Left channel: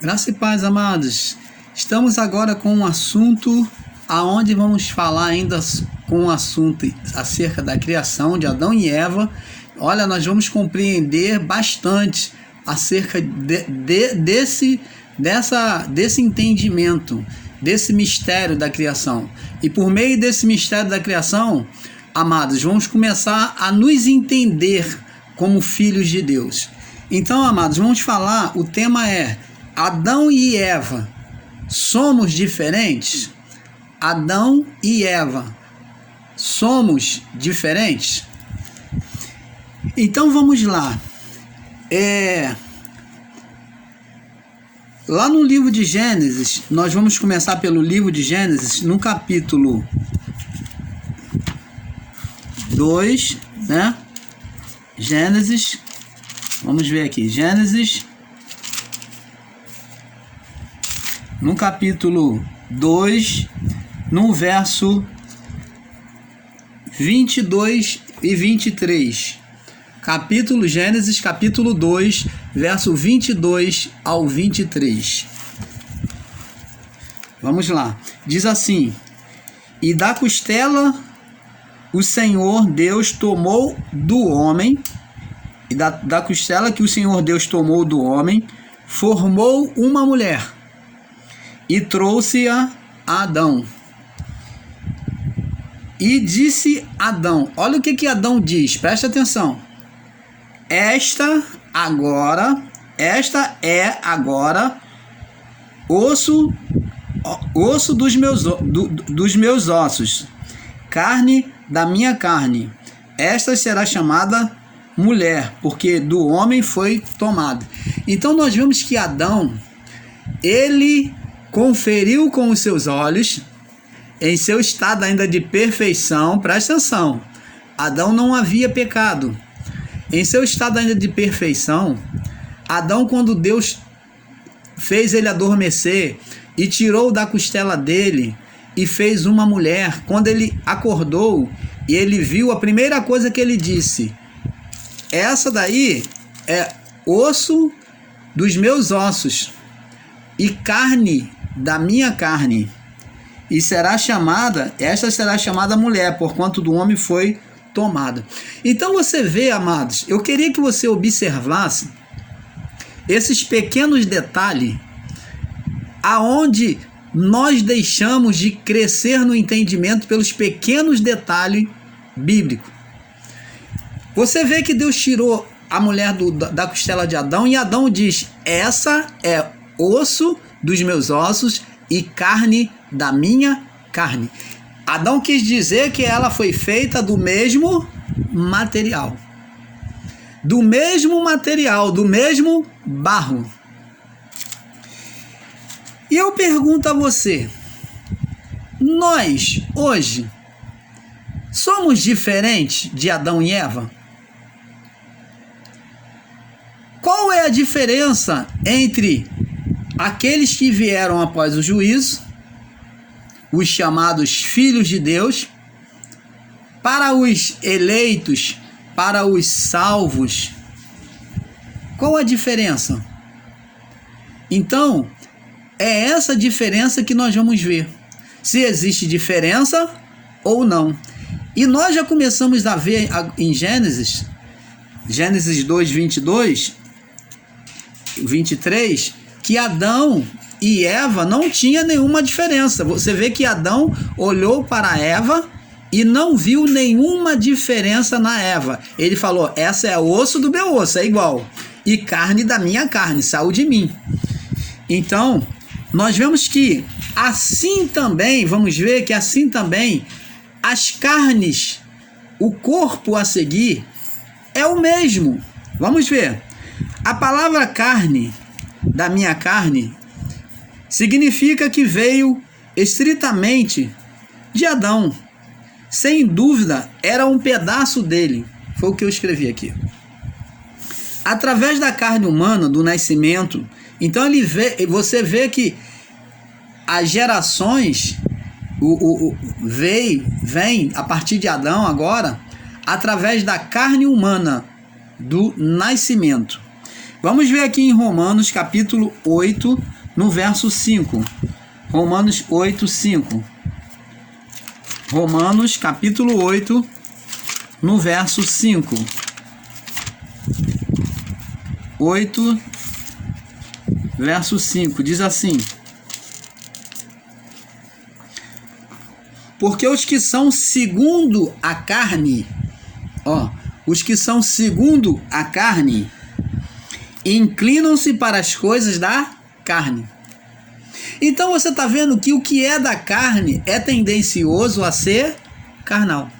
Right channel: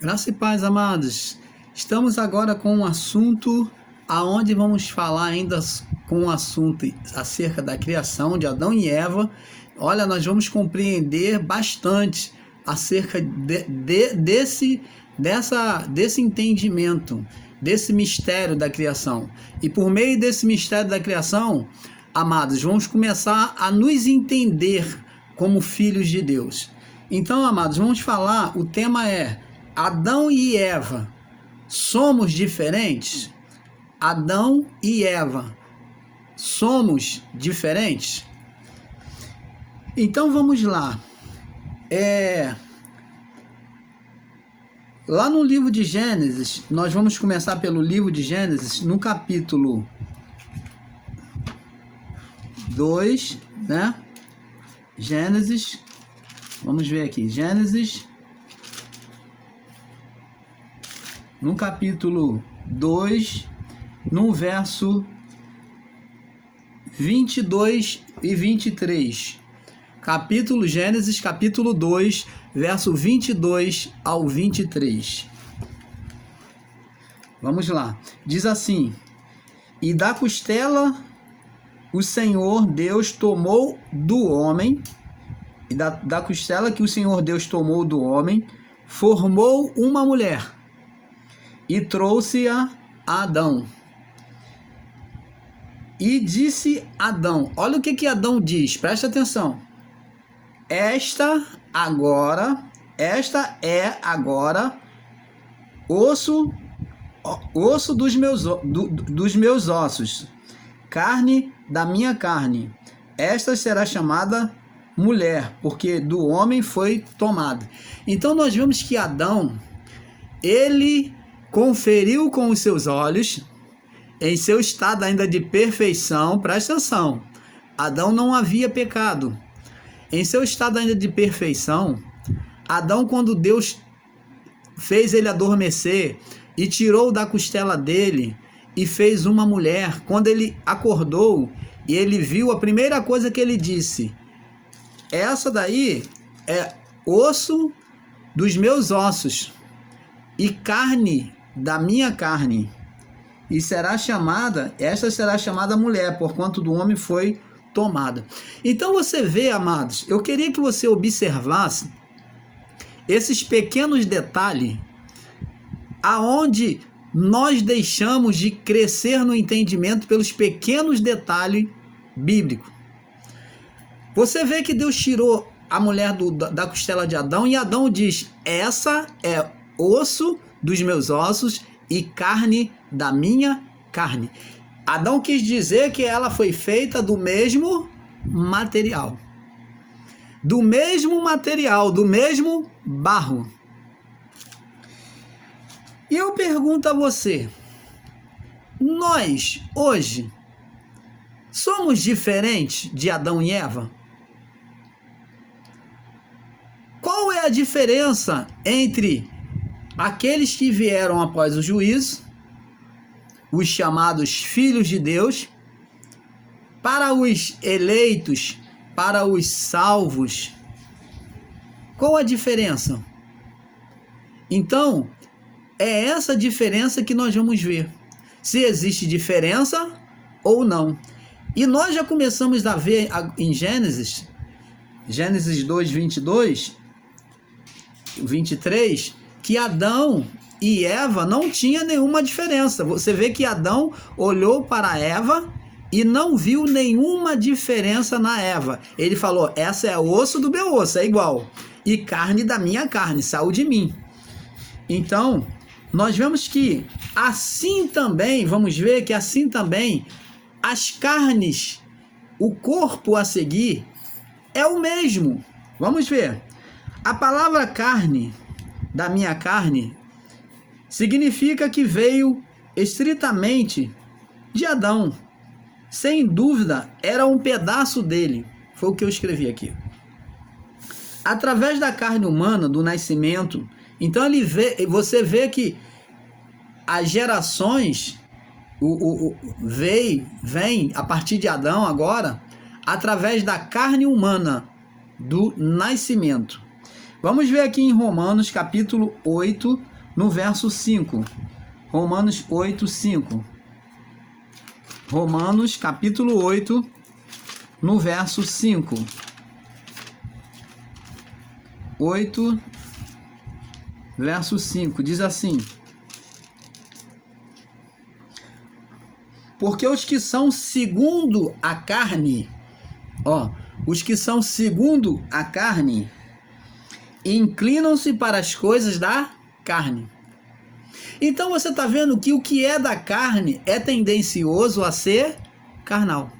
Graça e paz, amados. Estamos agora com um assunto aonde vamos falar ainda com um assunto acerca da criação de Adão e Eva. Olha, nós vamos compreender bastante acerca desse entendimento, desse mistério da criação. E por meio desse mistério da criação, amados, vamos começar a nos entender como filhos de Deus. Então, amados, vamos falar, o tema é Adão e Eva, somos diferentes? Adão e Eva, somos diferentes? Então vamos lá. Lá no livro de Gênesis, nós vamos começar pelo livro de Gênesis, no capítulo 2, né? Gênesis, vamos ver aqui, Gênesis, no capítulo 2, no verso 22 e 23. Gênesis, capítulo 2, verso 22 ao 23. Vamos lá. Diz assim: E da costela o Senhor Deus tomou do homem, e da costela que o Senhor Deus tomou do homem, formou uma mulher, e trouxe-a a Adão. E disse Adão, olha o que Adão diz, preste atenção. Esta é agora osso dos meus ossos, carne da minha carne. Esta será chamada mulher, porque do homem foi tomada. Então nós vemos que Adão, ele conferiu com os seus olhos, em seu estado ainda de perfeição, presta atenção, Adão não havia pecado. Em seu estado ainda de perfeição, Adão, quando Deus fez ele adormecer e tirou da costela dele e fez uma mulher, quando ele acordou e ele viu, a primeira coisa que ele disse: essa daí é osso dos meus ossos e carne da minha carne, e esta será chamada mulher, porquanto do homem foi tomada. Então você vê, amados, eu queria que você observasse esses pequenos detalhes aonde nós deixamos de crescer no entendimento pelos pequenos detalhes bíblicos. Você vê que Deus tirou a mulher da costela de Adão, e Adão diz: essa é osso dos meus ossos e carne da minha carne. Adão quis dizer que ela foi feita do mesmo material. Do mesmo barro. E eu pergunto a você, nós, hoje, somos diferentes de Adão e Eva? Qual é a diferença entre aqueles que vieram após o juízo, os chamados filhos de Deus, para os eleitos, para os salvos? Qual a diferença? Então, é essa diferença que nós vamos ver, se existe diferença ou não. E nós já começamos a ver em Gênesis 2, 22, 23, que Adão e Eva não tinha nenhuma diferença. Você vê que Adão olhou para Eva e não viu nenhuma diferença na Eva. Ele falou: essa é osso do meu osso, é igual, e carne da minha carne, saiu de mim. Então, nós vemos que assim também, vamos ver que assim também, as carnes, o corpo a seguir é o mesmo. Vamos ver. A palavra carne, da minha carne, significa que veio estritamente de Adão. Sem dúvida, era um pedaço dele. Foi o que eu escrevi aqui. Através da carne humana, do nascimento, então você vê que as gerações vem a partir de Adão agora, através da carne humana, do nascimento. Vamos ver aqui em Romanos capítulo 8, no verso 5. Romanos 8, 5. Romanos capítulo 8, no verso 5. 8, verso 5, diz assim: porque os que são segundo a carne, os que são segundo a carne, inclinam-se para as coisas da carne. Então você está vendo que o que é da carne é tendencioso a ser carnal.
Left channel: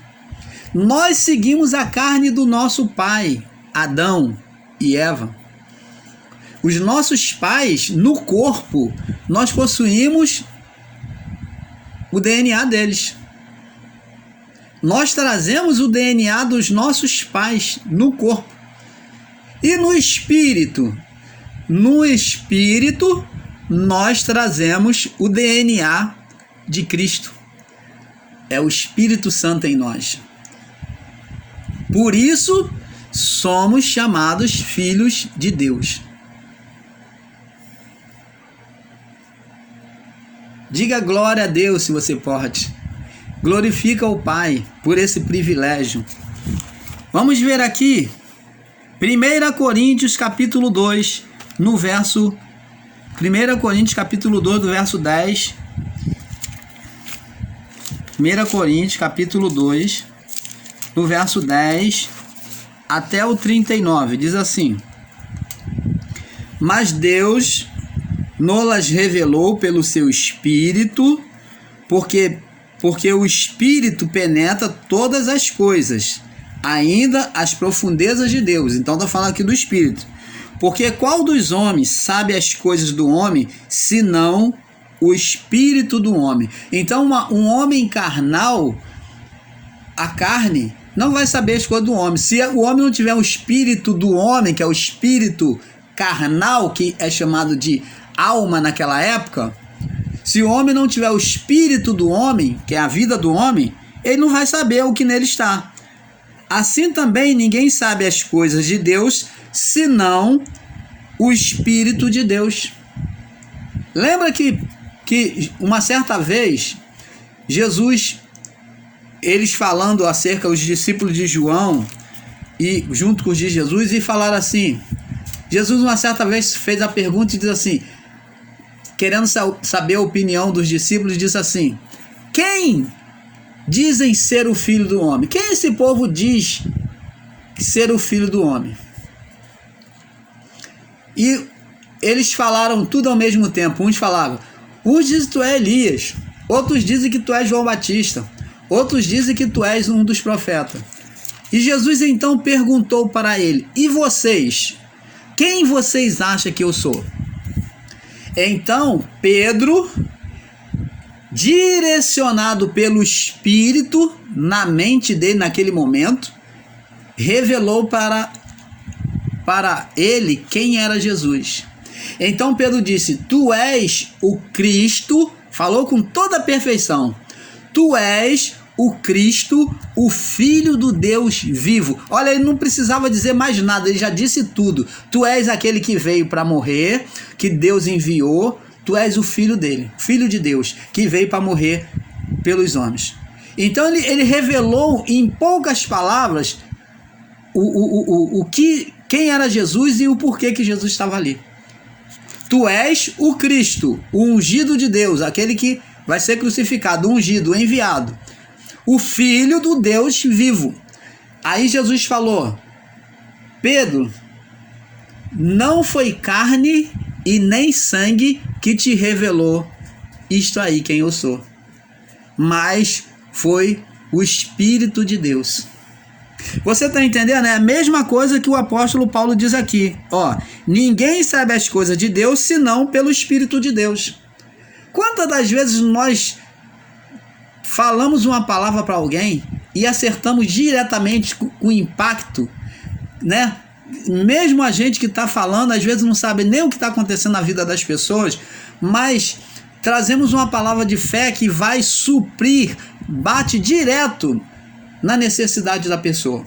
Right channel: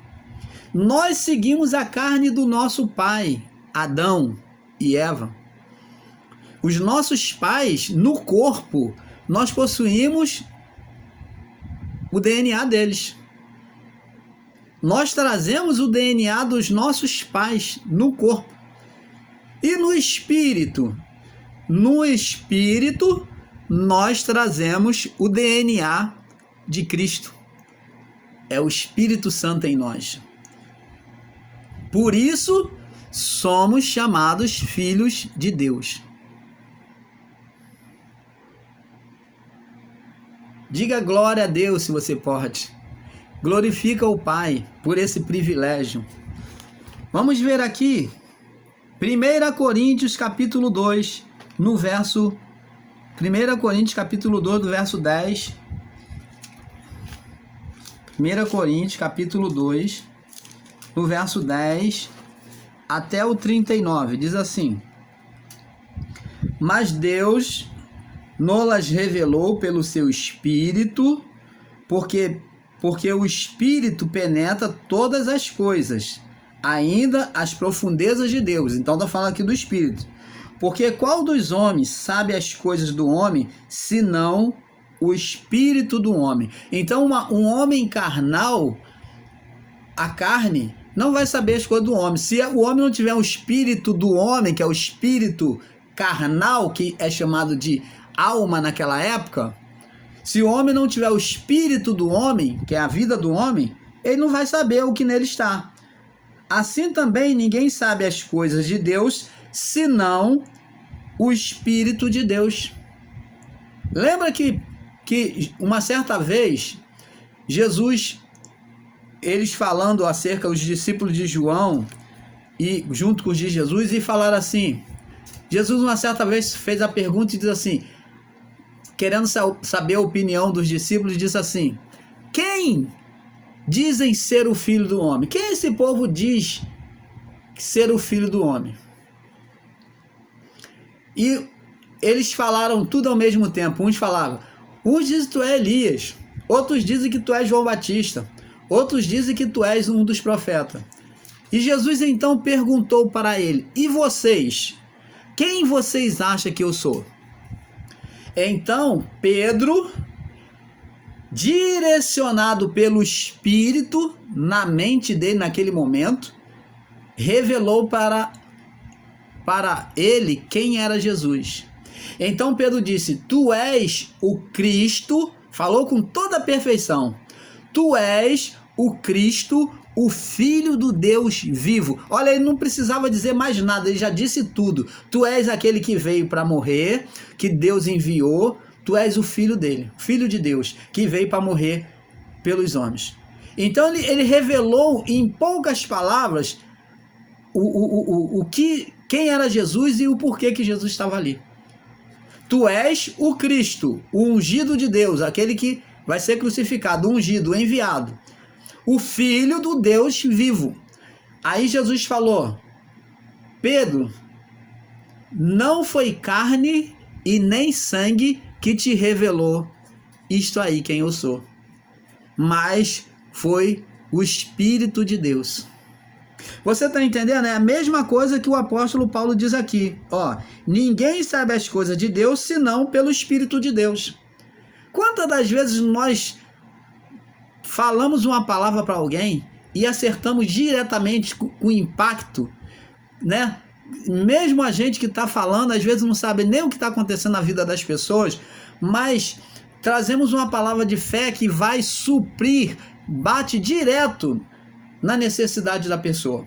Nós seguimos a carne do nosso pai, Adão e Eva. Os nossos pais, no corpo, nós possuímos o DNA deles. Nós trazemos o DNA dos nossos pais no corpo. E no espírito? No espírito, nós trazemos o DNA de Cristo. É o Espírito Santo em nós. Por isso, somos chamados filhos de Deus. Diga glória a Deus se você pode. Glorifica o Pai por esse privilégio. Vamos ver aqui 1 Coríntios capítulo 2, no verso 1 Coríntios capítulo 2, do verso 10. 1 Coríntios capítulo 2, do verso 10 até o 39, diz assim: mas Deus nos revelou pelo seu Espírito, porque o Espírito penetra todas as coisas, ainda as profundezas de Deus. Então está falando aqui do Espírito. Porque qual dos homens sabe as coisas do homem, senão o Espírito do homem? Então um homem carnal, a carne, não vai saber as coisas do homem. Se o homem não tiver o Espírito do homem, que é o Espírito carnal, que é chamado de alma naquela época, se o homem não tiver o Espírito do homem, que é a vida do homem, ele não vai saber o que nele está. Assim também ninguém sabe as coisas de Deus, senão o Espírito de Deus. Lembra que uma certa vez, Jesus, eles falando acerca dos discípulos de João, e junto com os de Jesus, e falaram assim, Jesus uma certa vez fez a pergunta e diz assim, querendo saber a opinião dos discípulos, diz assim: quem dizem ser o filho do homem? Quem esse povo diz ser o filho do homem? E eles falaram tudo ao mesmo tempo. Uns falavam, uns dizem que tu é Elias, outros dizem que tu és João Batista, outros dizem que tu és um dos profetas. E Jesus então perguntou para ele: e vocês? Quem vocês acham que eu sou? Então Pedro, direcionado pelo Espírito na mente dele naquele momento, revelou para ele quem era Jesus. Então Pedro disse: tu és o Cristo, falou com toda a perfeição, tu és o Cristo, o Filho do Deus vivo. Olha, ele não precisava dizer mais nada, ele já disse tudo. Tu és aquele que veio para morrer, que Deus enviou, tu és o Filho dele, Filho de Deus, que veio para morrer pelos homens. Então ele revelou em poucas palavras quem era Jesus e o porquê que Jesus estava ali. Tu és o Cristo, o ungido de Deus, aquele que vai ser crucificado, ungido, enviado. O Filho do Deus vivo. Aí Jesus falou: Pedro, não foi carne e nem sangue que te revelou isto aí, quem eu sou, mas foi o Espírito de Deus. Você está entendendo? É a mesma coisa que o apóstolo Paulo diz aqui. Ninguém sabe as coisas de Deus senão pelo Espírito de Deus. Quantas das vezes nós falamos uma palavra para alguém e acertamos diretamente com o impacto, né? Mesmo a gente que está falando, às vezes não sabe nem o que está acontecendo na vida das pessoas, mas trazemos uma palavra de fé que vai suprir, bate direto na necessidade da pessoa.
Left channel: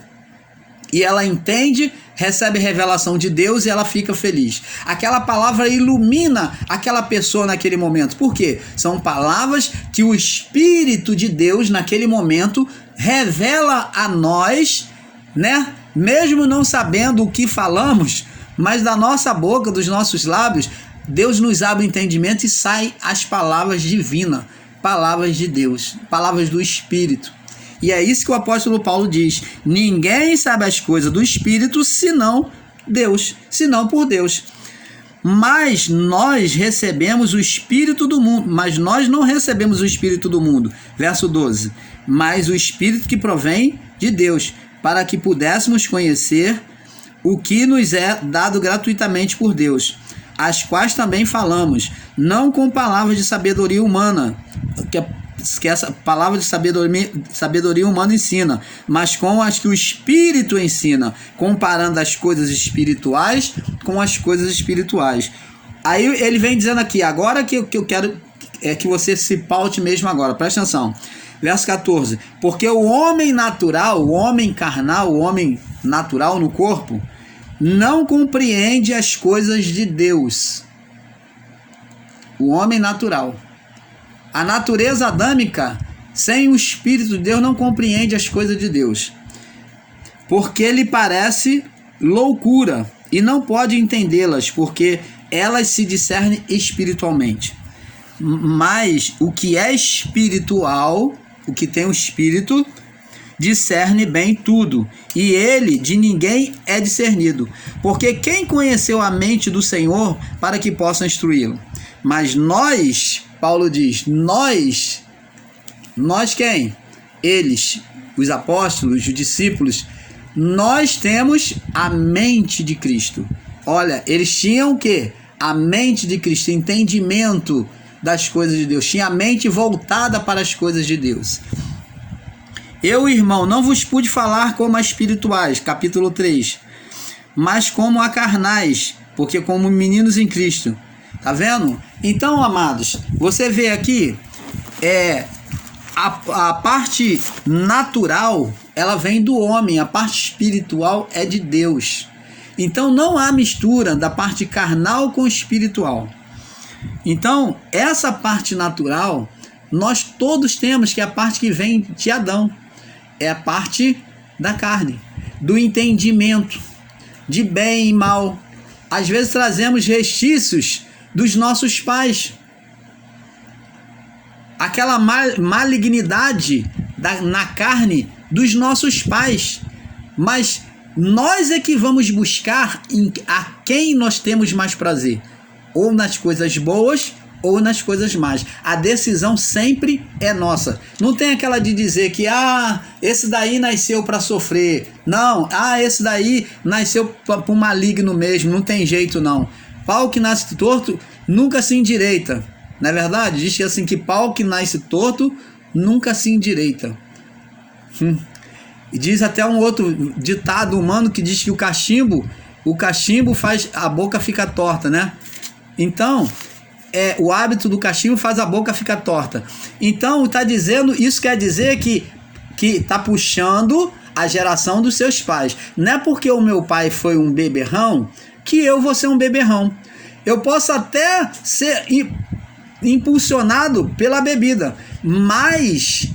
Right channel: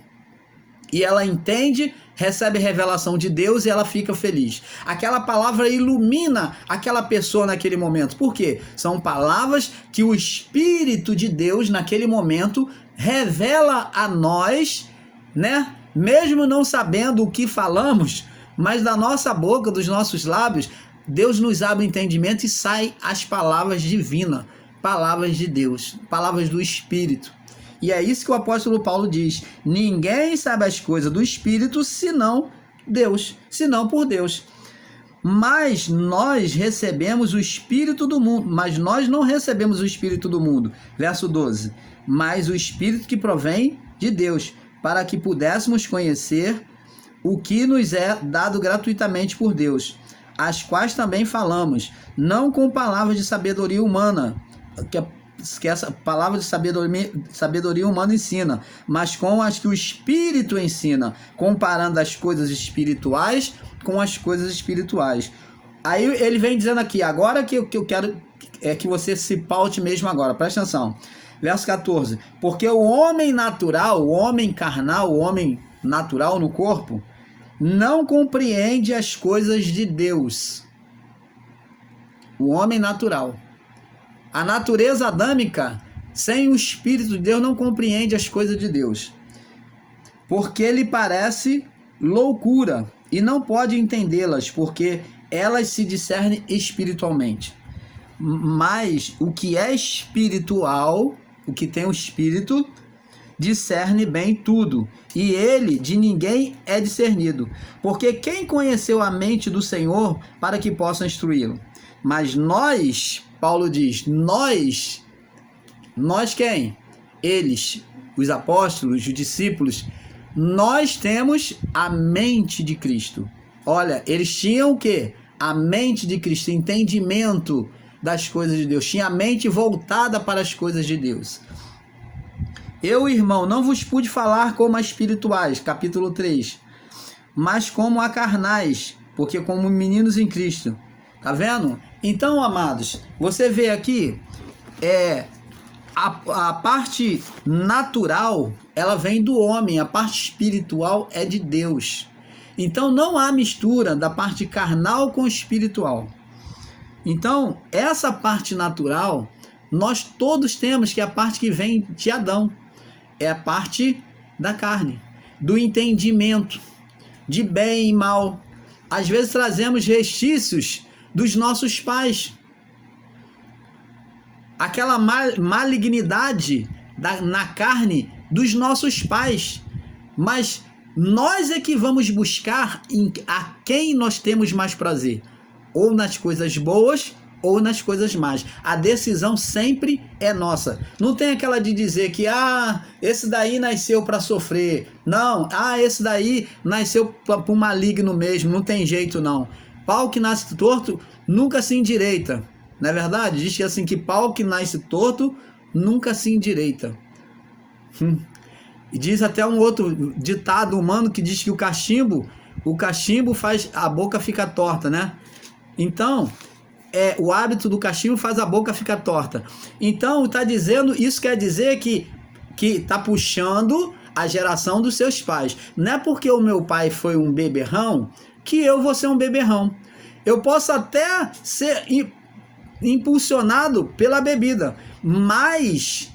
E ela entende, recebe revelação de Deus e ela fica feliz. Aquela palavra ilumina aquela pessoa naquele momento. Por quê? São palavras que o Espírito de Deus naquele momento revela a nós, né? Mesmo não sabendo o que falamos, mas da nossa boca, dos nossos lábios, Deus nos abre o entendimento e saem as palavras divinas, palavras de Deus, palavras do Espírito. E é isso que o apóstolo Paulo diz: ninguém sabe as coisas do Espírito senão Deus, senão por Deus. Mas nós recebemos o Espírito do mundo, mas nós não recebemos o Espírito do mundo. Verso 12. Mas o Espírito que provém de Deus, para que pudéssemos conhecer o que nos é dado gratuitamente por Deus, as quais também falamos, não com palavras de sabedoria humana, que essa palavra de sabedoria humana ensina, mas com as que o Espírito ensina, comparando as coisas espirituais com as coisas espirituais. Aí ele vem dizendo aqui, agora que eu quero é que você se paute mesmo agora, presta atenção. Verso 14, porque o homem natural, o homem carnal, o homem natural no corpo, não compreende as coisas de Deus. O homem natural. A natureza adâmica, sem o Espírito de Deus, não compreende as coisas de Deus, porque lhe parece loucura e não pode entendê-las, porque elas se discernem espiritualmente. Mas o que é espiritual, o que tem o Espírito, discerne bem tudo, e ele de ninguém é discernido, porque quem conheceu a mente do Senhor para que possa instruí-lo? Mas nós, Paulo diz, nós quem? Eles, os apóstolos, os discípulos, nós temos a mente de Cristo. Olha, eles tinham o quê? A mente de Cristo, entendimento das coisas de Deus, tinha a mente voltada para as coisas de Deus. Eu, irmão, não vos pude falar como a espirituais, capítulo 3, mas como a carnais, porque como meninos em Cristo. Tá vendo? Então, amados, você vê aqui, a parte natural, ela vem do homem, a parte espiritual é de Deus. Então, não há mistura da parte carnal com espiritual. Então, essa parte natural, nós todos temos, que é a parte que vem de Adão. É a parte da carne, do entendimento, de bem e mal. Às vezes trazemos restícios dos nossos pais. Aquela malignidade na carne dos nossos pais. Mas nós é que vamos buscar a quem nós temos mais prazer. Ou nas coisas boas ou nas coisas más. A decisão sempre é nossa. Não tem aquela de dizer que esse daí nasceu para sofrer. Não, esse daí nasceu para o maligno mesmo. Não tem jeito não. Pau que nasce torto nunca se endireita. Não é verdade? Diz assim que pau que nasce torto nunca se endireita. E diz até um outro ditado humano que diz que o cachimbo faz a boca ficar torta, né? Então, o hábito do cachimbo faz a boca ficar torta. Então, está dizendo, isso quer dizer que está puxando a geração dos seus pais. Não é porque o meu pai foi um beberrão que eu vou ser um beberrão. Eu posso até ser impulsionado pela bebida, mas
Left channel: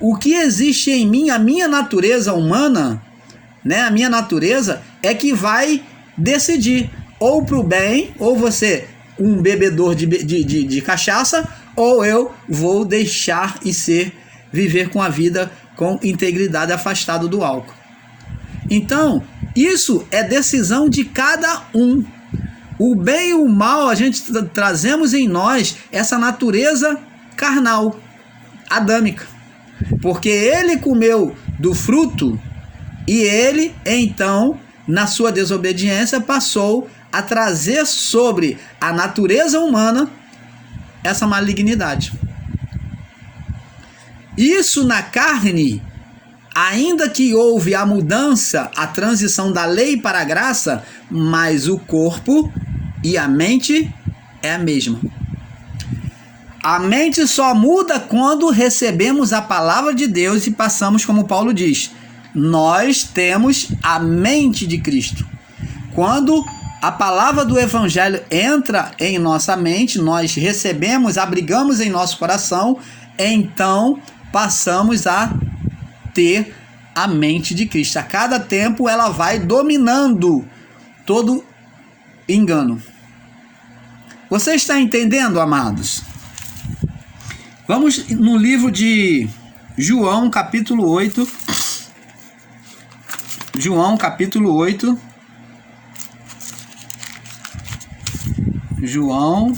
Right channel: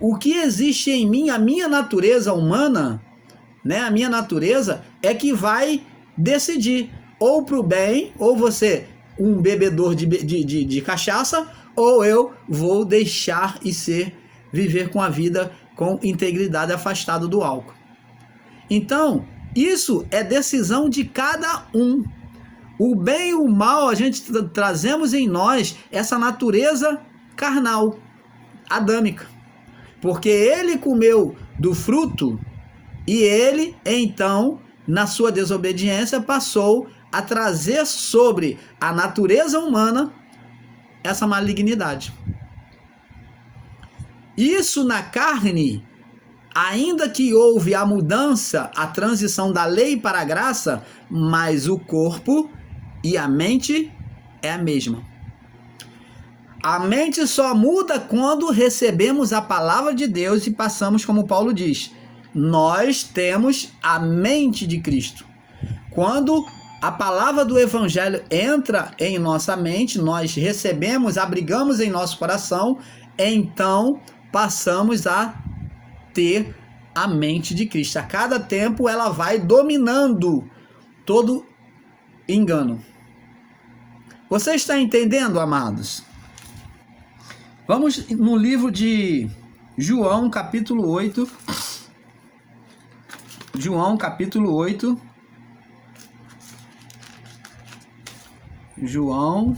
o que existe em mim, a minha natureza humana, né, a minha natureza é que vai decidir, ou para o bem, ou você um bebedor de cachaça, ou eu vou deixar e viver com a vida com integridade, afastado do álcool. Então, isso é decisão de cada um. O bem e o mal, a gente trazemos em nós essa natureza carnal, adâmica. Porque ele comeu do fruto e ele, então, na sua desobediência, passou a trazer sobre a natureza humana essa malignidade. Isso na carne, ainda que houve a mudança, a transição da lei para a graça, mas o corpo e a mente é a mesma. A mente só muda quando recebemos a palavra de Deus e passamos, como Paulo diz, nós temos a mente de Cristo. Quando a palavra do Evangelho entra em nossa mente, nós recebemos, abrigamos em nosso coração, então passamos a ter a mente de Cristo. A cada tempo ela vai dominando todo engano. Você está entendendo, amados? Vamos no livro de João, capítulo 8. João, capítulo 8. João,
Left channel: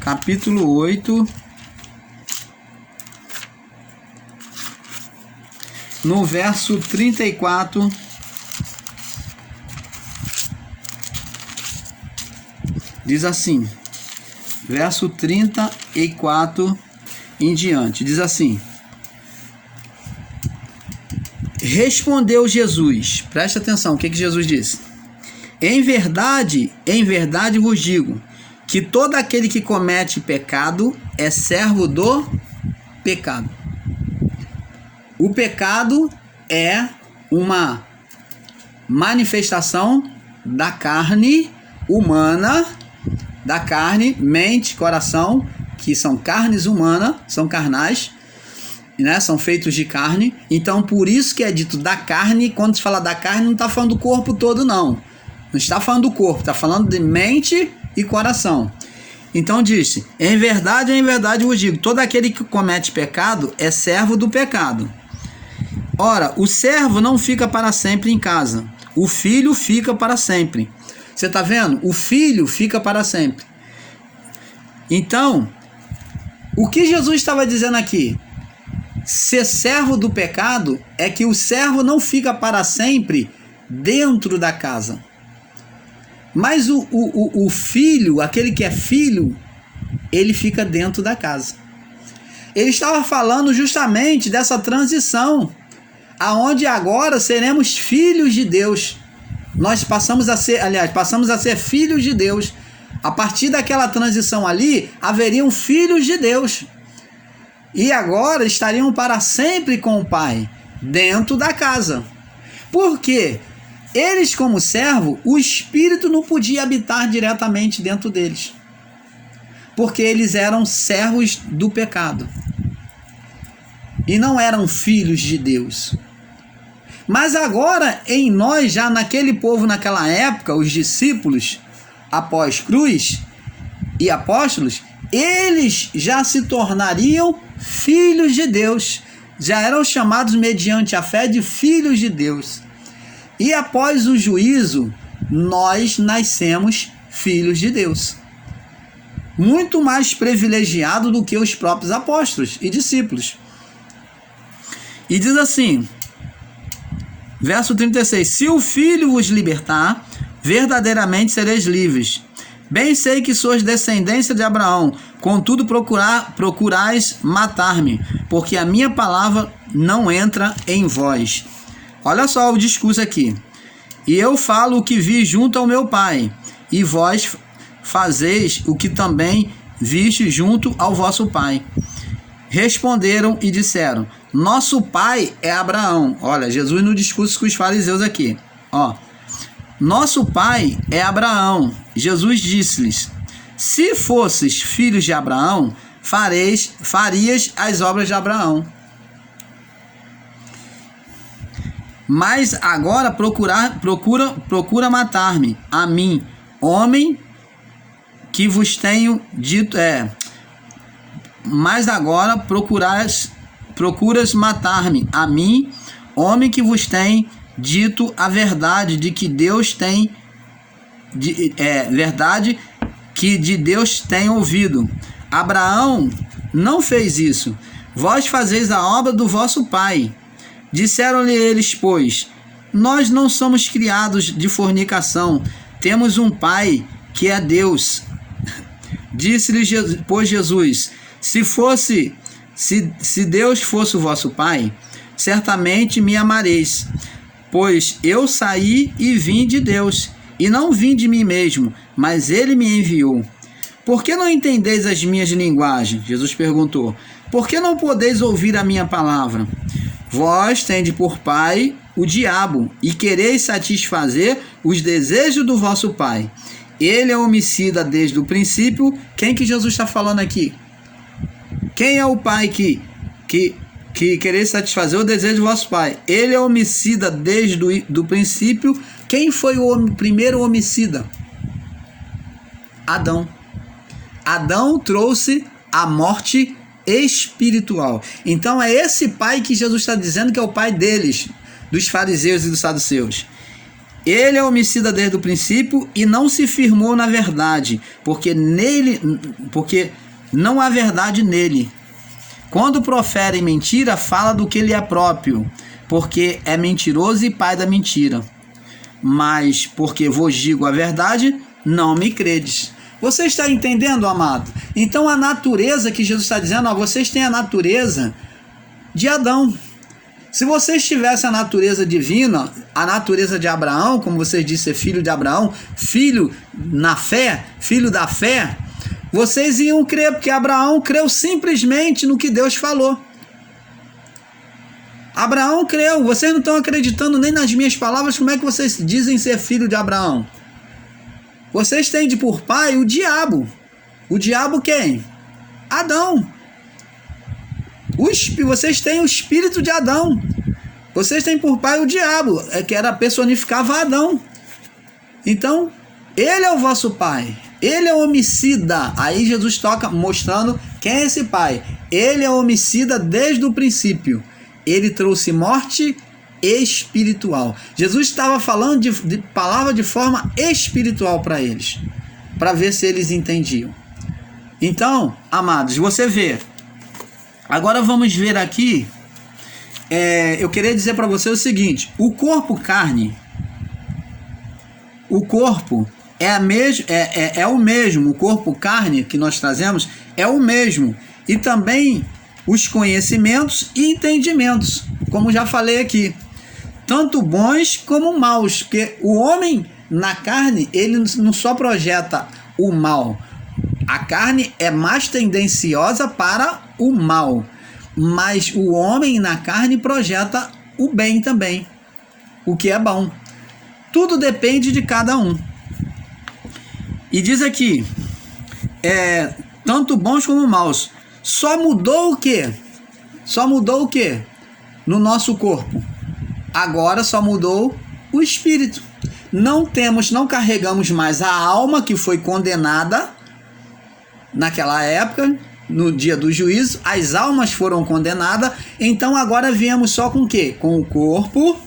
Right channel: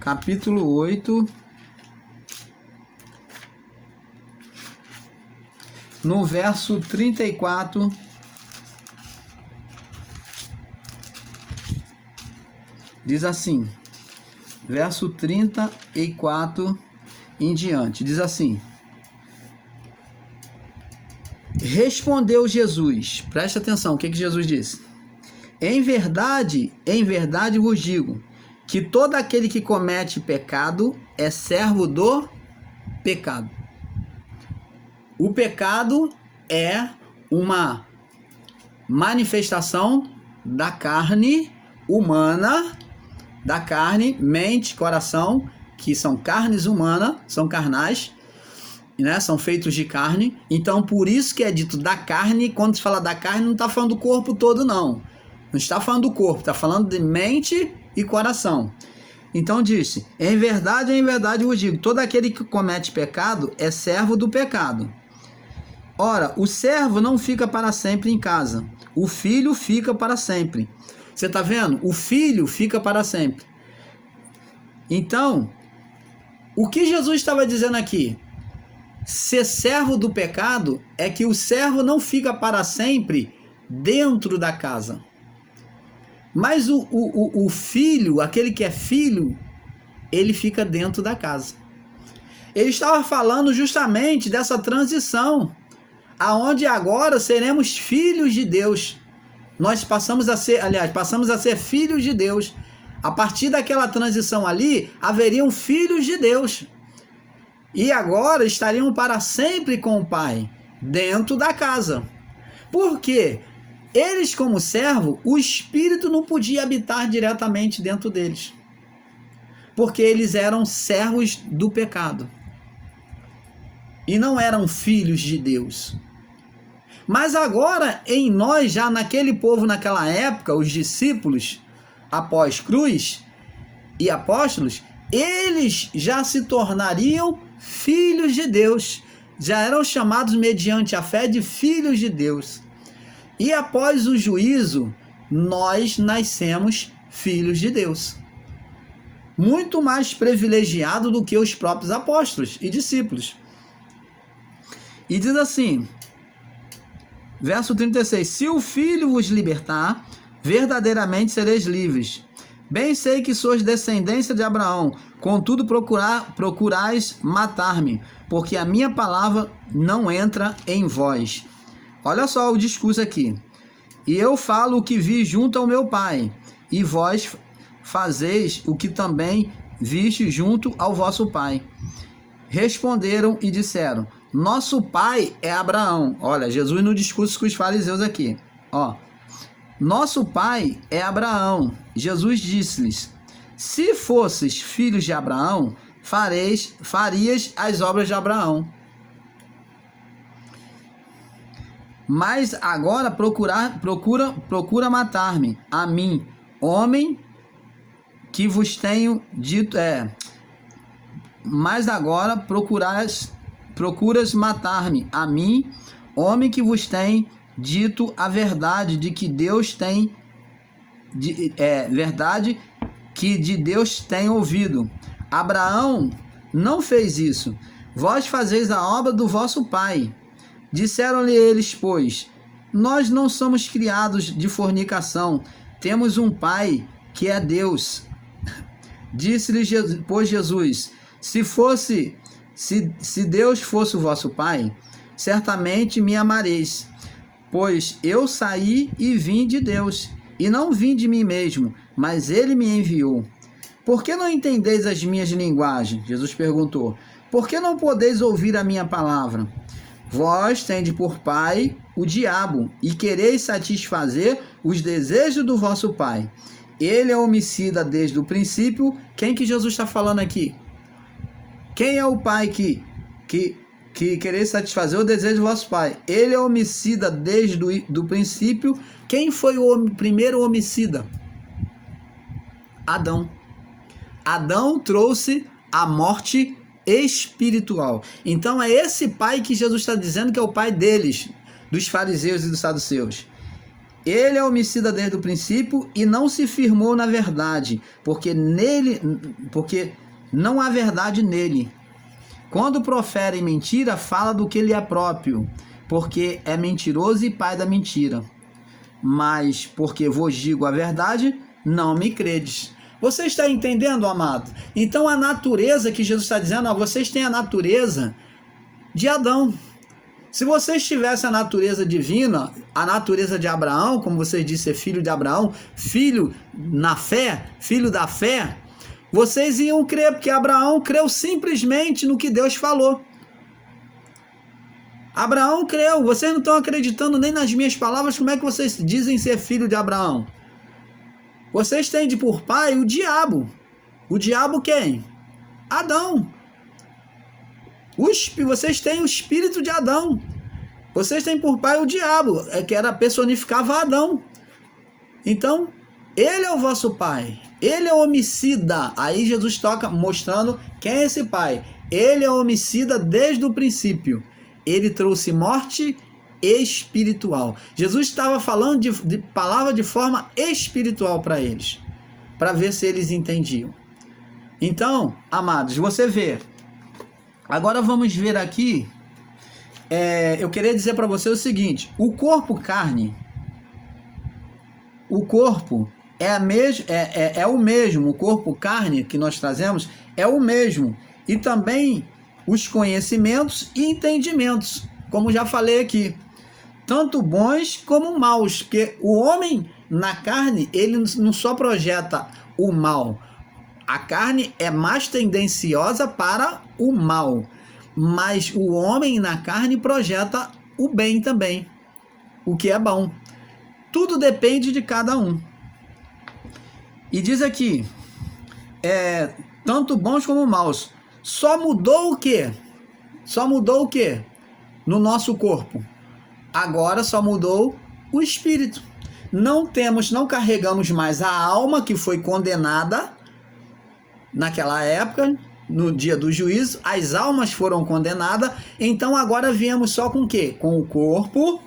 capítulo 8. No verso 34. Diz assim, verso 34 em diante, diz assim: respondeu Jesus, presta atenção, o que Jesus disse? Em verdade vos digo, que todo aquele que comete pecado é servo do pecado. O pecado é uma manifestação da carne humana, da carne, mente, coração, que são carnes humanas, são carnais, né? São feitos de carne. Então, por isso que é dito da carne. Quando se fala da carne, não está falando do corpo todo, não. Não está falando do corpo, está falando de mente e coração. Então disse: em verdade vos digo, todo aquele que comete pecado é servo do pecado. Ora, o servo não fica para sempre em casa, o filho fica para sempre. Você está vendo? O filho fica para sempre. Então, o que Jesus estava dizendo aqui? Ser servo do pecado é que o servo não fica para sempre dentro da casa. Mas o filho, aquele que é filho, ele fica dentro da casa. Ele estava falando justamente dessa transição, aonde agora seremos filhos de Deus. Nós passamos a ser filhos de Deus. A partir daquela transição ali, haveriam filhos de Deus. E agora estariam para sempre com o Pai, dentro da casa. Por quê? Eles, como servo, o Espírito não podia habitar diretamente dentro deles. Porque eles eram servos do pecado. E não eram filhos de Deus. Mas agora, em nós, já naquele povo, naquela época, os discípulos, após cruz e apóstolos, eles já se tornariam filhos de Deus. Já eram chamados, mediante a fé, de filhos de Deus. E após o juízo, nós nascemos filhos de Deus. Muito mais privilegiado do que os próprios apóstolos e discípulos. E diz assim, verso 36, se o Filho vos libertar, verdadeiramente sereis livres. Bem sei que sois descendência de Abraão, contudo procurais matar-me, porque a minha palavra não entra em vós. Olha só o discurso aqui. E eu falo o que vi junto ao meu Pai, e vós fazeis o que também viste junto ao vosso Pai. Responderam e disseram, nosso pai é Abraão. Olha, Jesus no discurso com os fariseus aqui. Ó, nosso pai é Abraão. Jesus disse-lhes, se fosses filhos de Abraão, farias as obras de Abraão. Mas agora procura matar-me, a mim, homem que vos tenho dito, mas agora procuras matar-me, a mim, homem que vos tem dito a verdade de que Deus tem, verdade que de Deus tem ouvido. Abraão não fez isso. Vós fazeis a obra do vosso pai. Disseram-lhe eles, pois, nós não somos criados de fornicação, temos um pai que é Deus. Disse-lhe, pois, Jesus, se Deus fosse o vosso pai, certamente me amareis, pois eu saí e vim de Deus, e não vim de mim mesmo, mas ele me enviou. Por que não entendeis as minhas linguagens? Jesus perguntou. Por que não podeis ouvir a minha palavra? Vós tendes por pai o diabo, e quereis satisfazer os desejos do vosso pai. Ele é homicida desde o princípio. Quem que Jesus está falando aqui? Quem é o pai que quereis satisfazer o desejo do vosso pai? Ele é homicida desde o princípio. Quem foi o primeiro homicida? Adão. Adão trouxe a morte espiritual. Então é esse pai que Jesus está dizendo que é o pai deles, dos fariseus e dos saduceus. Ele é homicida desde o princípio e não se firmou na verdade, porque não há verdade nele. Quando profere mentira, fala do que lhe é próprio, porque é mentiroso e pai da mentira. Mas porque vos digo a verdade, não me credes. Você está entendendo, amado? Então a natureza que Jesus está dizendo, ó, vocês têm a natureza de Adão. Se vocês tivessem a natureza divina, a natureza de Abraão, como vocês disseram, ser filho de Abraão, filho na fé, filho da fé, vocês iam crer, porque Abraão creu simplesmente no que Deus falou. Abraão creu. Vocês não estão acreditando nem nas minhas palavras. Como é que vocês dizem ser filho de Abraão? Vocês têm de por pai o diabo. O diabo quem? Adão. Vocês têm o espírito de Adão. Vocês têm por pai o diabo, que era personificava Adão. Então, ele é o vosso pai. Ele é o homicida. Aí Jesus toca mostrando quem é esse pai. Ele é homicida desde o princípio. Ele trouxe morte espiritual. Jesus estava falando de palavra de forma espiritual para eles, para ver se eles entendiam. Então, amados, você vê. Agora vamos ver aqui. Eu queria dizer para você o seguinte: o corpo carne, o corpo é o mesmo. O corpo carne que nós trazemos é o mesmo. E também os conhecimentos e entendimentos, como já falei aqui, tanto bons como maus, porque o homem na carne, ele não só projeta o mal, a carne é mais tendenciosa para o mal, mas o homem na carne projeta o bem também, o que é bom. Tudo depende de cada um. E diz aqui, tanto bons como maus. Só mudou o quê? Só mudou o quê? No nosso corpo. Agora só mudou o espírito. Não carregamos mais a alma que foi condenada naquela época, no dia do juízo. As almas foram condenadas. Então agora viemos só com o quê? Com o corpo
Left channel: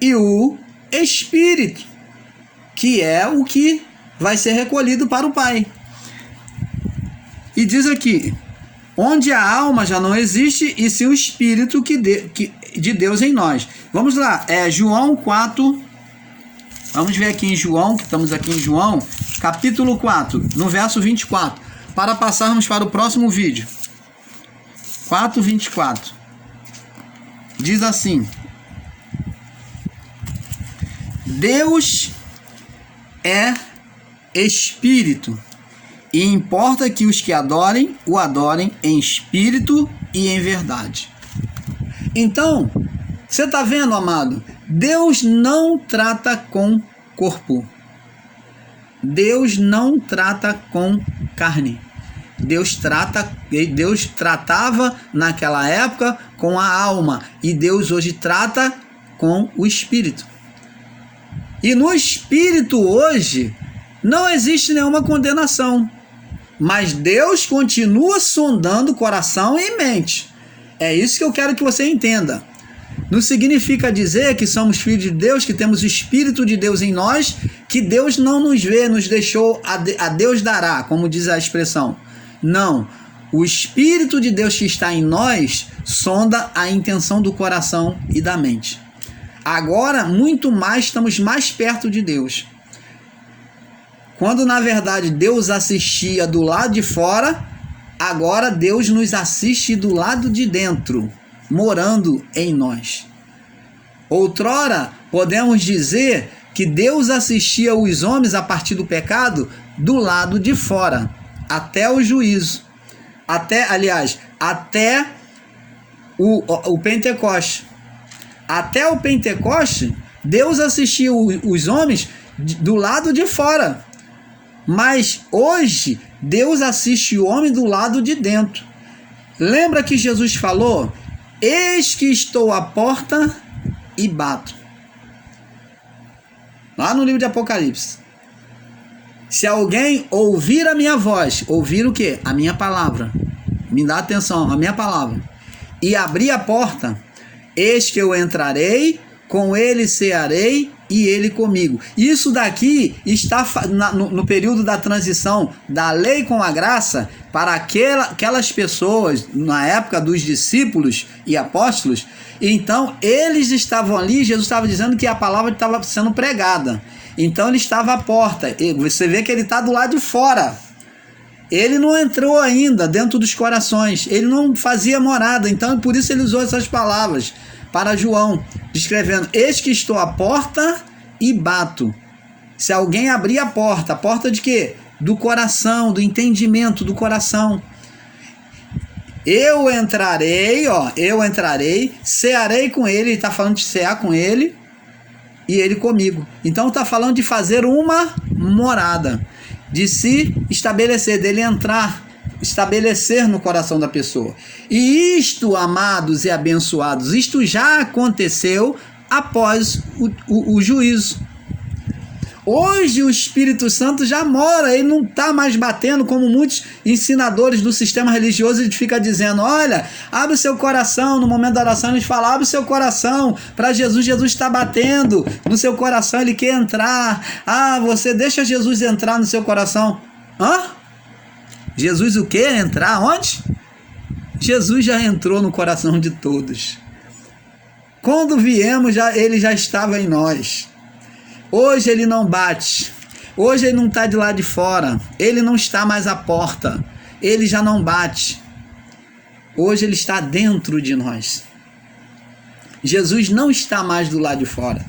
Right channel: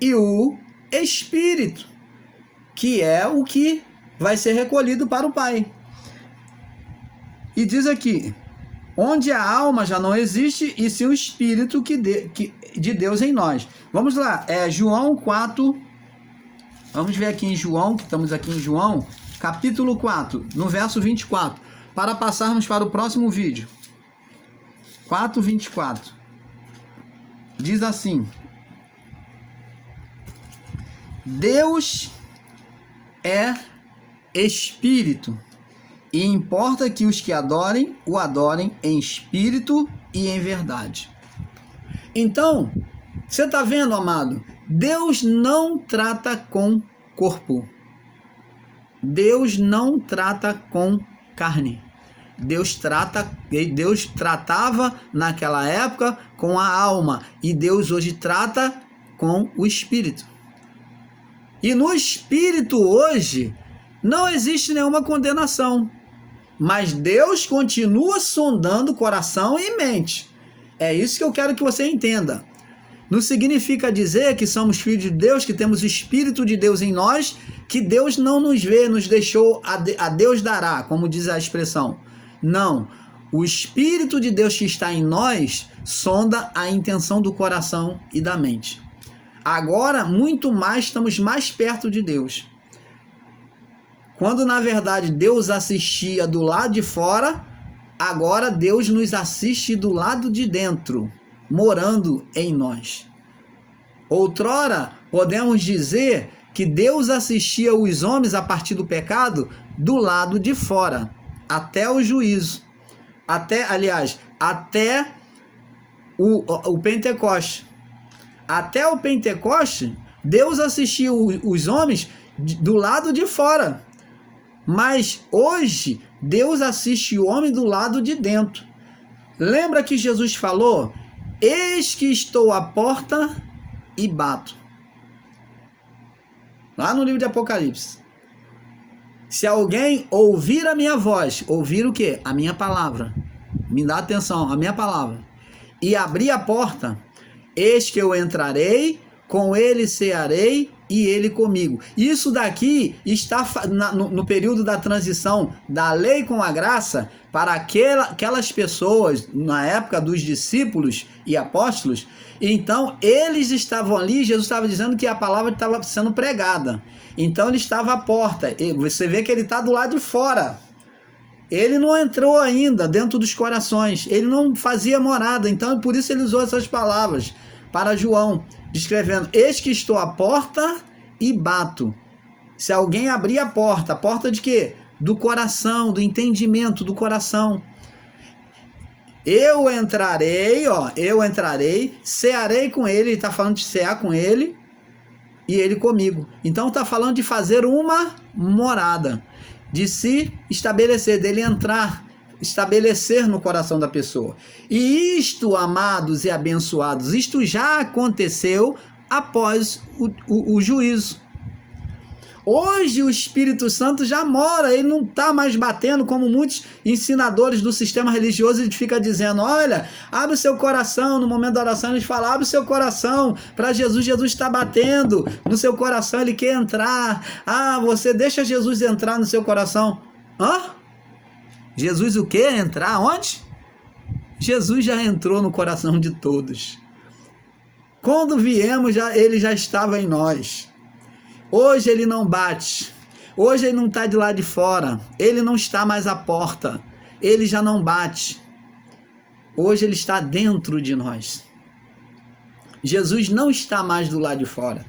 e o espírito, que é o que vai ser recolhido para o Pai. E diz aqui, onde a alma já não existe, e se o Espírito de Deus em nós. Vamos lá, João 4, vamos ver aqui em João, que estamos aqui em João, capítulo 4, no verso 24, para passarmos para o próximo vídeo. 4:24. Diz assim: Deus é Espírito, e importa que os que adorem, o adorem em espírito e em verdade. Então, você está vendo, amado? Deus não trata com corpo. Deus não trata com carne. Deus tratava naquela época com a alma, e Deus hoje trata com o espírito. E no espírito hoje não existe nenhuma condenação, mas Deus continua sondando coração e mente. É isso que eu quero que você entenda. Não significa dizer que somos filhos de Deus, que temos o Espírito de Deus em nós, que Deus não nos vê, nos deixou, a Deus dará, como diz a expressão. Não. O Espírito de Deus que está em nós sonda a intenção do coração e da mente. Agora, muito mais, estamos mais perto de Deus. Quando, na verdade, Deus assistia do lado de fora, agora Deus nos assiste do lado de dentro, morando em nós. Outrora, podemos dizer que Deus assistia os homens a partir do pecado do lado de fora, até o juízo. Até o Pentecoste. até o Pentecoste, Deus assistia os homens do lado de fora. Mas hoje, Deus assiste o homem do lado de dentro. Lembra que Jesus falou: eis que estou à porta e bato. Lá no livro de Apocalipse. Se alguém ouvir a minha voz, ouvir o quê? A minha palavra. Me dá atenção, a minha palavra. E abrir a porta, eis que eu entrarei, com ele cearei e ele comigo. Isso daqui está no período da transição da lei com a graça para aquelas pessoas, na época dos discípulos e apóstolos. Então, eles estavam ali, Jesus estava dizendo que a palavra estava sendo pregada. Então, ele estava à porta. E você vê que ele está do lado de fora. Ele não entrou ainda dentro dos corações. Ele não fazia morada. Então, por isso ele usou essas palavras para João, descrevendo: eis que estou à porta e bato. Se alguém abrir a porta de quê? Do coração, do entendimento do coração. Eu entrarei, cearei com ele, ele está falando de cear com ele, e ele comigo. Então está falando de fazer uma morada, de se estabelecer, dele entrar, estabelecer no coração da pessoa. E isto, amados e abençoados, isto já aconteceu após o juízo. Hoje o Espírito Santo já mora, ele não está mais batendo como muitos ensinadores do sistema religioso. Ele fica dizendo: olha, abre o seu coração. No momento da oração eles falam: abre o seu coração para Jesus. Jesus está batendo no seu coração, ele quer entrar. Você deixa Jesus entrar no seu coração. Jesus o quê? Entrar onde? Jesus já entrou no coração de todos. Quando viemos, ele já estava em nós. Hoje ele não bate. Hoje ele não está de lá de fora. Ele não está mais à porta. Ele já não bate. Hoje ele está dentro de nós. Jesus não está mais do lado de fora.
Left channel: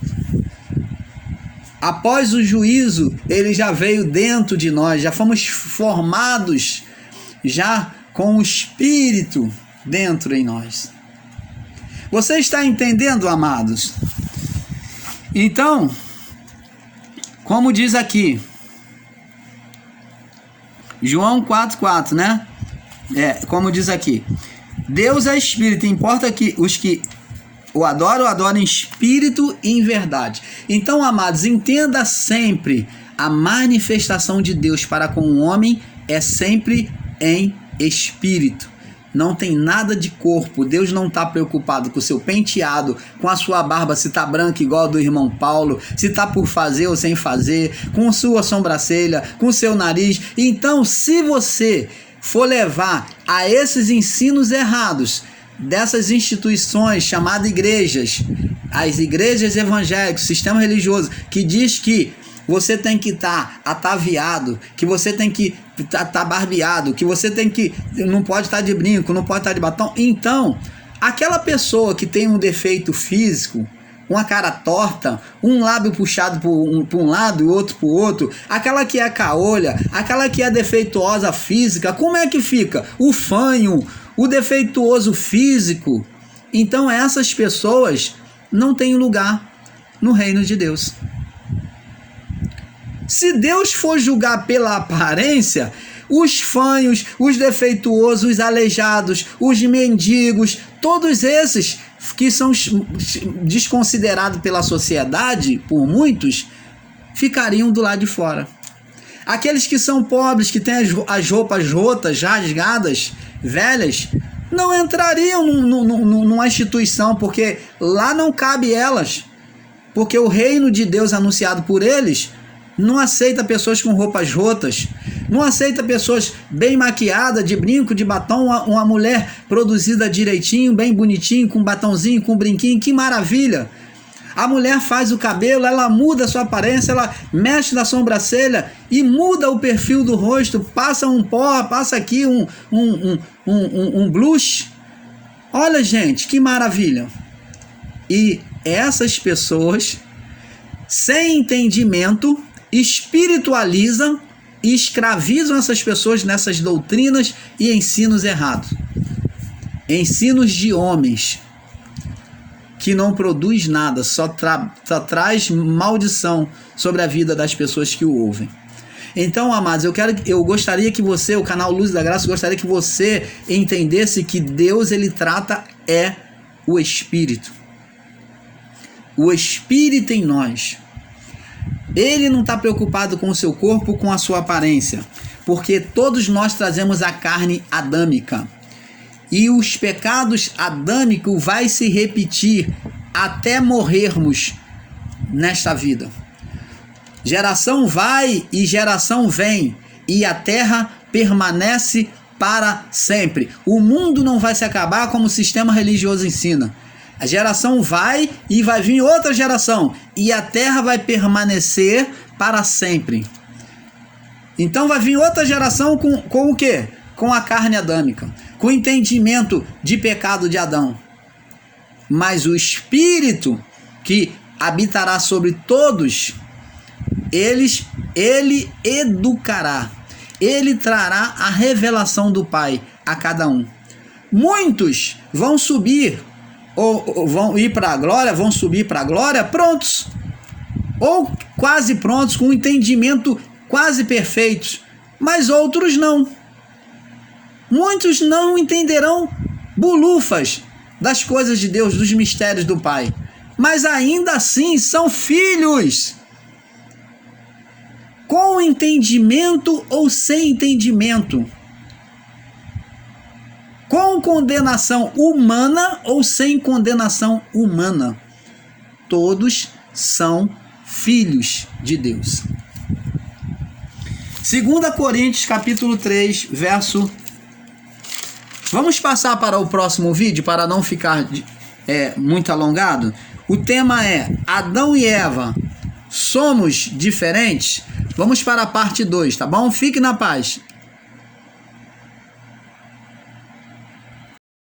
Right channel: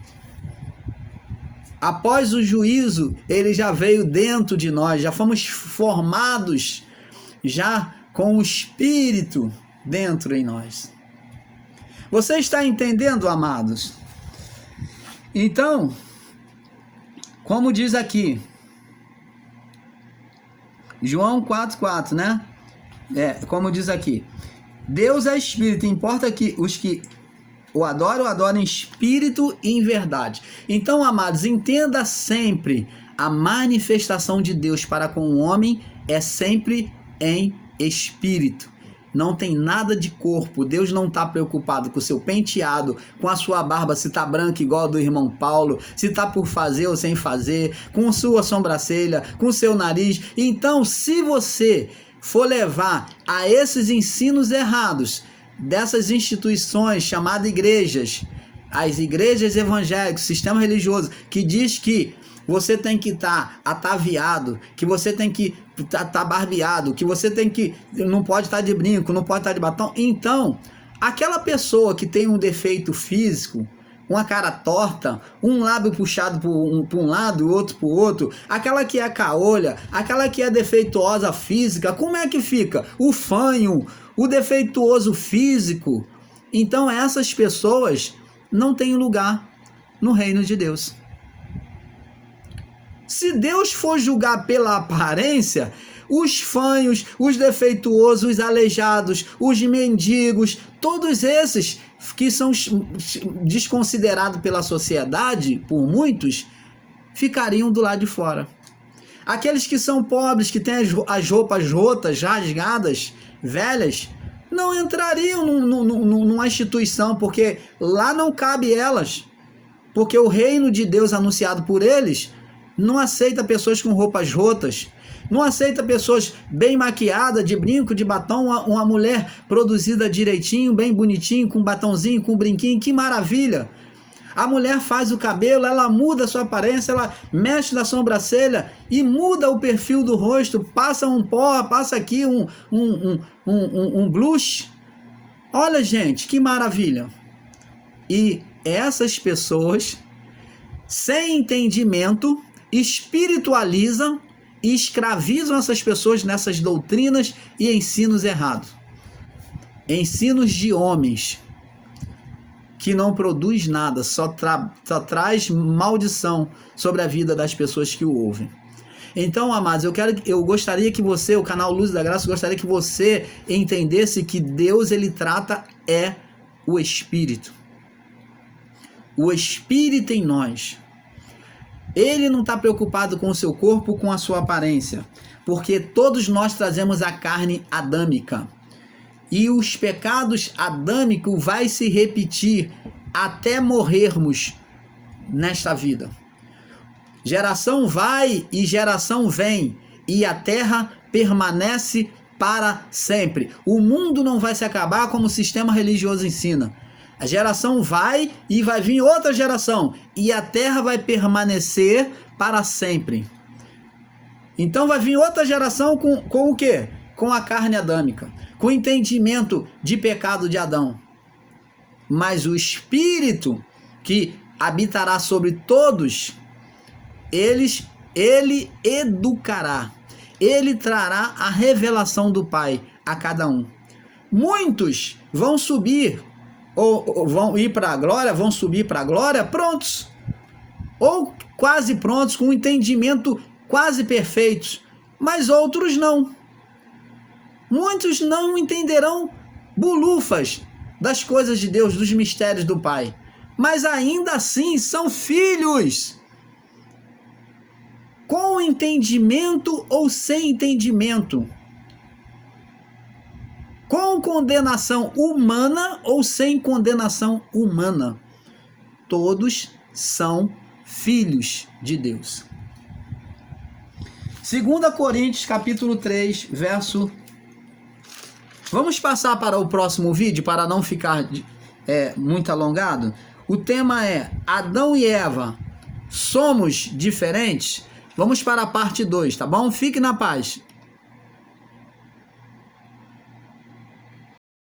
Após o juízo, ele já veio dentro de nós. Já fomos formados já com o Espírito dentro em nós. Você está entendendo, amados? Então, como diz aqui, João 4,4, né? Como diz aqui: Deus é Espírito, importa que os que o adorem em espírito e em verdade. Então, amados, entenda sempre: a manifestação de Deus para com o homem é sempre em espírito. Não tem nada de corpo. Deus não está preocupado com o seu penteado, com a sua barba, se está branca igual a do irmão Paulo, se está por fazer ou sem fazer, com sua sobrancelha, com seu nariz. Então, se você for levar a esses ensinos errados dessas instituições chamadas igrejas, as igrejas evangélicas, sistema religioso, que diz que você tem que estar ataviado, que você tem que estar barbeado, que você tem que não pode estar de brinco, não pode estar de batom. Então, aquela pessoa que tem um defeito físico, uma cara torta, um lábio puxado para um lado e outro para o outro, aquela que é caolha, aquela que é defeituosa física, como é que fica? O fanho, o defeituoso físico. Então, essas pessoas não têm lugar no reino de Deus. Se Deus for julgar pela aparência, os fanhos, os defeituosos, os aleijados, os mendigos, todos esses que são desconsiderados pela sociedade, por muitos, ficariam do lado de fora. Aqueles que são pobres, que têm as roupas rotas, rasgadas, velhas, não entrariam numa instituição, porque lá não cabe elas. Porque o reino de Deus anunciado por eles não aceita pessoas com roupas rotas, não aceita pessoas bem maquiadas, de brinco, de batom, uma mulher produzida direitinho, bem bonitinho, com batonzinho, com brinquinho, que maravilha. A mulher faz o cabelo, ela muda a sua aparência, ela mexe na sobrancelha e muda o perfil do rosto, passa um pó, passa aqui um blush. Olha, gente, que maravilha. E essas pessoas, sem entendimento, espiritualizam e escravizam essas pessoas nessas doutrinas e ensinos errados. Ensinos de homens que não produz nada, só traz maldição sobre a vida das pessoas que o ouvem. Então, amados, eu gostaria que você, o canal Luz da Graça, gostaria que você entendesse que Deus, ele trata o Espírito. O Espírito em nós. Ele não está preocupado com o seu corpo, com a sua aparência, porque todos nós trazemos a carne adâmica. E os pecados adâmicos vai se repetir até morrermos nesta vida. Geração vai e geração vem, e a terra permanece para sempre. O mundo não vai se acabar como o sistema religioso ensina. A geração vai e vai vir outra geração, e a terra vai permanecer para sempre. Então vai vir outra geração com o quê? Com a carne adâmica, com o entendimento de pecado de Adão. Mas o Espírito que habitará sobre todos, ele educará, ele trará a revelação do Pai a cada um. Muitos vão subir, ou vão ir para a glória, vão subir para a glória prontos, ou quase prontos, com um entendimento quase perfeito, mas outros não. Muitos não entenderão bulufas das coisas de Deus, dos mistérios do Pai, mas ainda assim são filhos. Com entendimento ou sem entendimento, com condenação humana ou sem condenação humana, todos são filhos de Deus. 2 Coríntios capítulo 3, verso... Vamos passar para o próximo vídeo para não ficar muito alongado. O tema é Adão e Eva, somos diferentes? Vamos para a parte 2, tá bom? Fique na paz.